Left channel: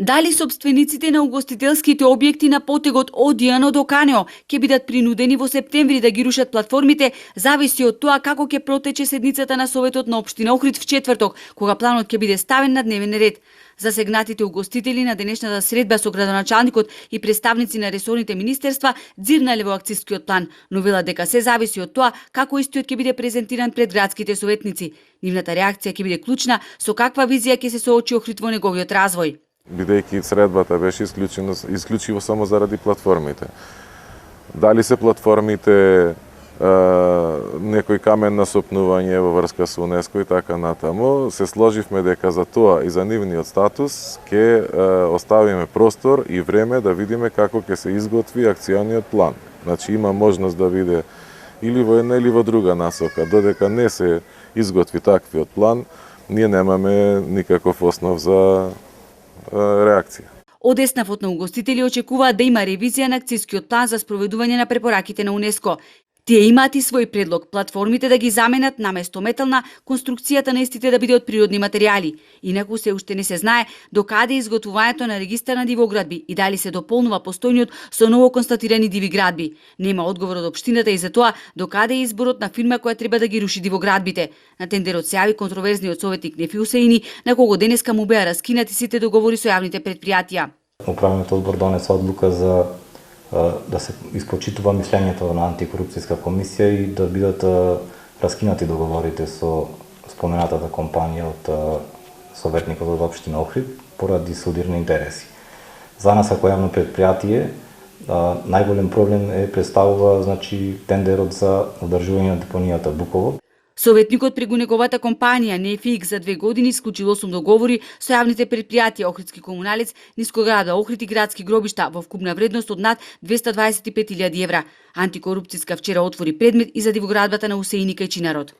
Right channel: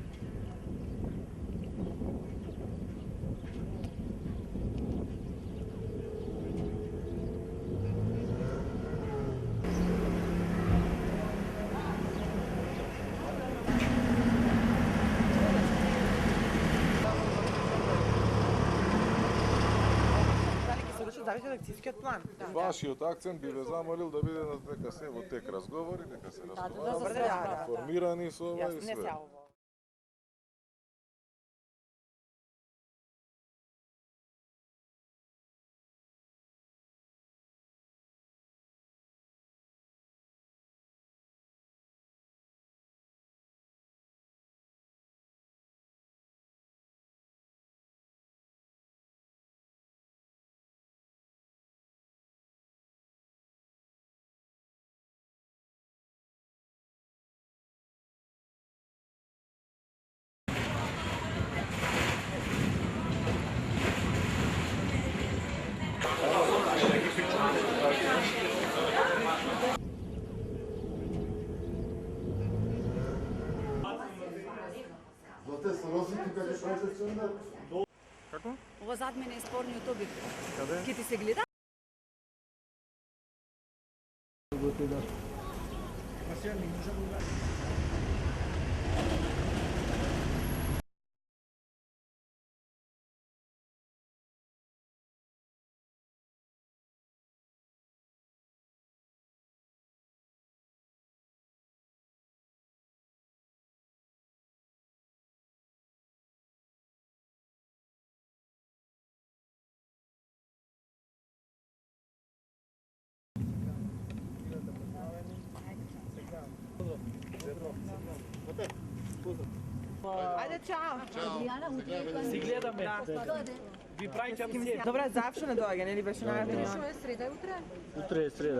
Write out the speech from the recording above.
Дали собствениците на угостителските објекти на потегот од Дијано до Канео ќе бидат принудени во септември да ги рушат платформите, зависи од тоа како ќе протече седницата на Советот на општина Охрид в четврток, кога планот ќе биде ставен на дневен ред. Засегнатите угостители на денешната средба со градоначалникот и представници на ресорните министерства дзирнале во акцискиот план, но велат дека се зависи од тоа како истиот ќе биде презентиран пред градските советници. Нивната реакција ќе биде клучна со каква визија ќе се соочи Охрид во неговиот развој. Бидејќи средбата беше исклучиво само заради платформите. Дали се платформите некој камен на сопнување во врска со УНЕСКО и така натаму, се сложивме дека за тоа и за нивниот статус ќе оставиме простор и време да видиме како ќе се изготви акциониот план. Значи има можност да биде или во една или во друга насока. Додека не се изготви таквиот план, ние немаме никаков основ за реакција. Од Еснавот на угостители очекуваат да има ревизија на акцискиот план за спроведување на препораките на УНЕСКО. Тие имаат и свој предлог платформите да ги заменат наместо метална, конструкцијата на истите да биде од природни материјали. Инаку се уште не се знае докаде е изготвувањето на регистар на дивоградби и дали се дополнува постојниот со ново констатирани диви градби. Нема одговор од општината и за тоа докаде е изборот на фирма која треба да ги руши дивоградбите. На тендерот се јави контроверзниот советник Нефи Усеини, на кого денеска му беа раскинати сите договори со јавните претпријатија. Управниот одбор донесе одлука за да се испочитува мислењето на антикорупцијска комисија и да бидат раскинати договорите со споменатата компанија од советникот од општина Охрид поради судирни интереси. За нас како јавно предпријатие најголем проблем представува тендерот за одржување на депонијата Буково. Советникот преку неговата компанија Нефик за 2 години исклучил 8 договори со јавните предпријатија Охридски комуналец, Нискограда Охрид и градски гробишта во вкупна вредност од над 225.000 евра. Антикорупцијска вчера отвори предмет и за дивоградбата на Усеини кај Чинарот.